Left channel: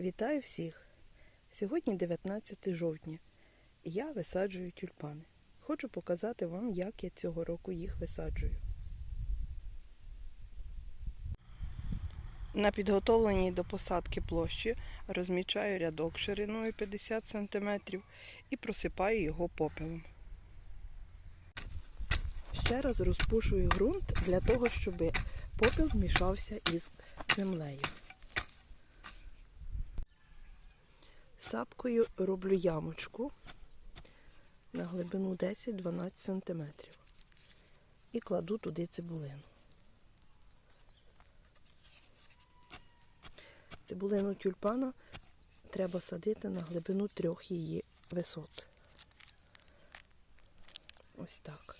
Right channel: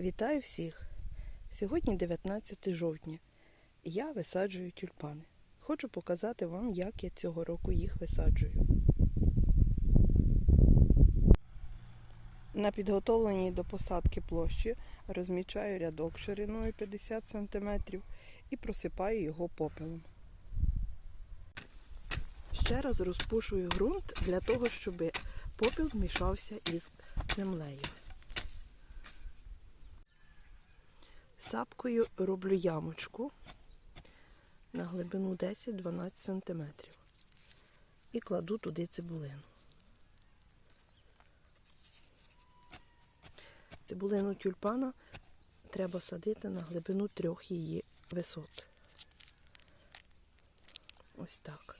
Вітаю всіх! Сьогодні 19 жовтня. Я висаджую тюльпани. Хочу показати вам, як я цього року їх висаджую. На підготовленій до посадки площі розмічаю рядок шириною 50 см і просипаю його попелом. Ще раз розпушую ґрунт для того, щоб попіл змішався із землею. Сапкою роблю ямочку на глибину 10-12 см і кладу туди цибулину. Цибулину тюльпана треба садити на глибину трьох її висот. Ось так.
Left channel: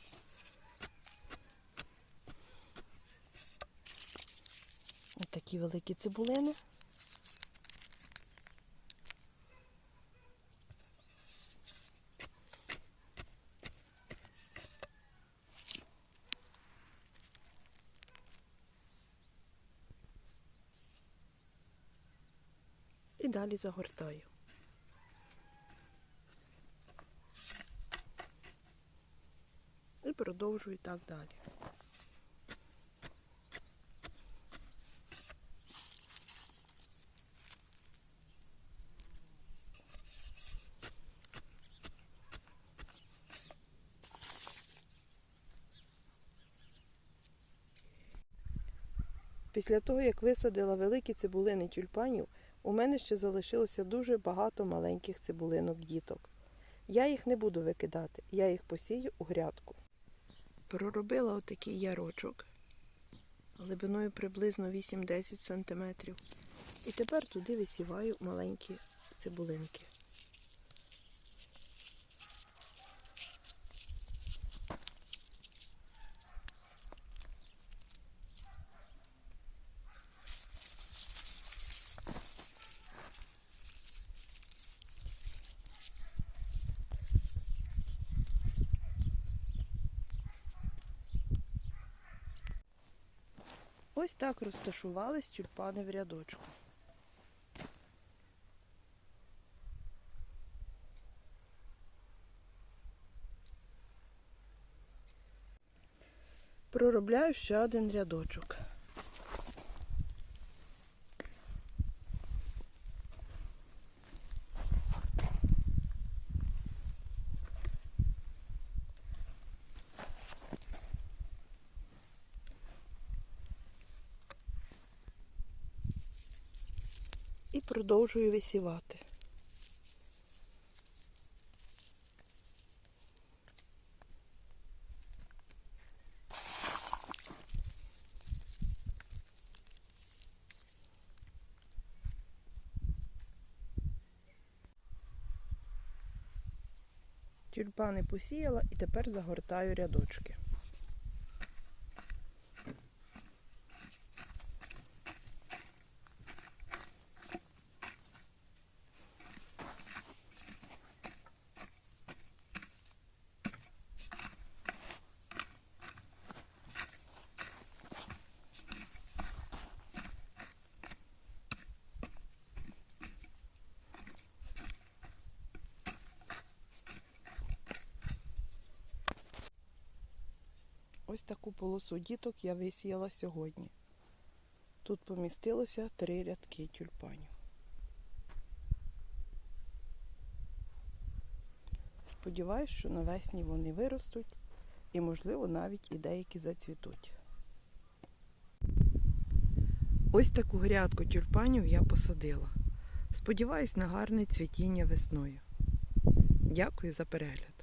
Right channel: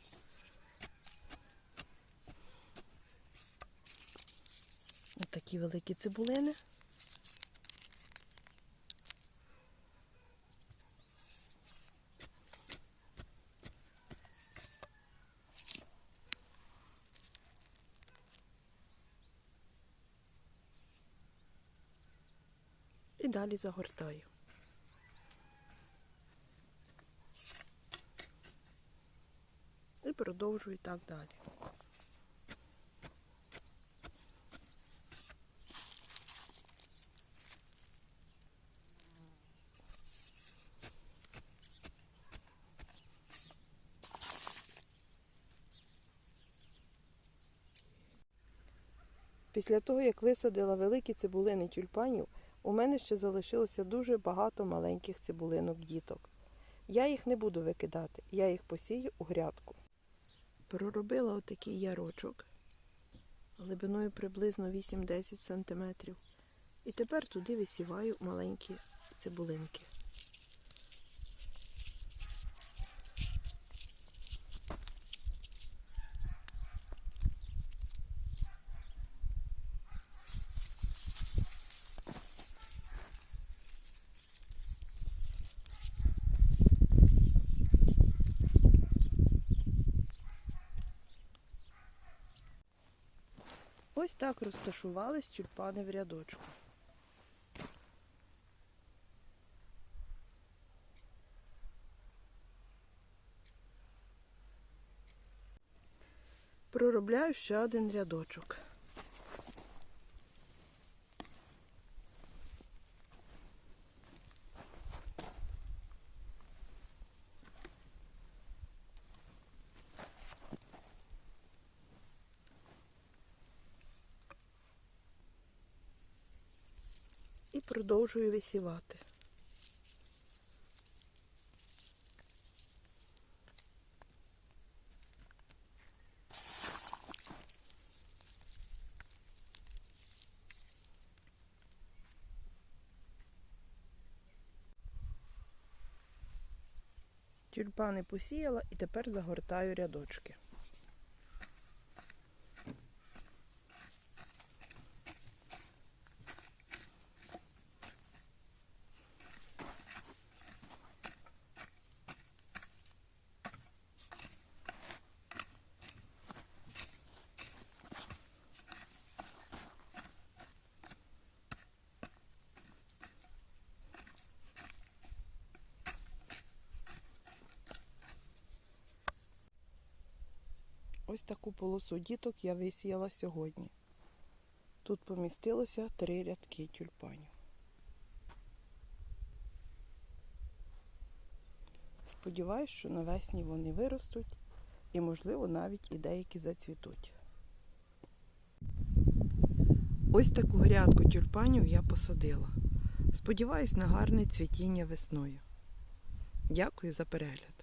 Ось такі великі цибулини. Далі загортаю. І продовжую так далі. Після того, як висадила великі цибулини тюльпанів, у мене ще залишилося дуже багато маленьких цибулинок діток. Я їх не буду викидати, я їх посію у грядку. Проробила отакий ярочок глибиною приблизно 8-10 см. І тепер туди висіваю маленькі цибулинки. Ось так розташувались тюльпани в рядочку. Проробляю ще один рядочок. Продовжую висівати. Тюльпани посіяла і тепер загортаю рядочки. Ось таку полосу діток я висіяла сьогодні. Тут помістилося три рядки тюльпанів. Сподіваюсь, що навесні вони виростуть і, можливо, навіть і деякі зацвітуть. Ось таку грядку тюльпанів я посадила. Сподіваюсь на гарне цвітіння весною. Дякую за перегляд.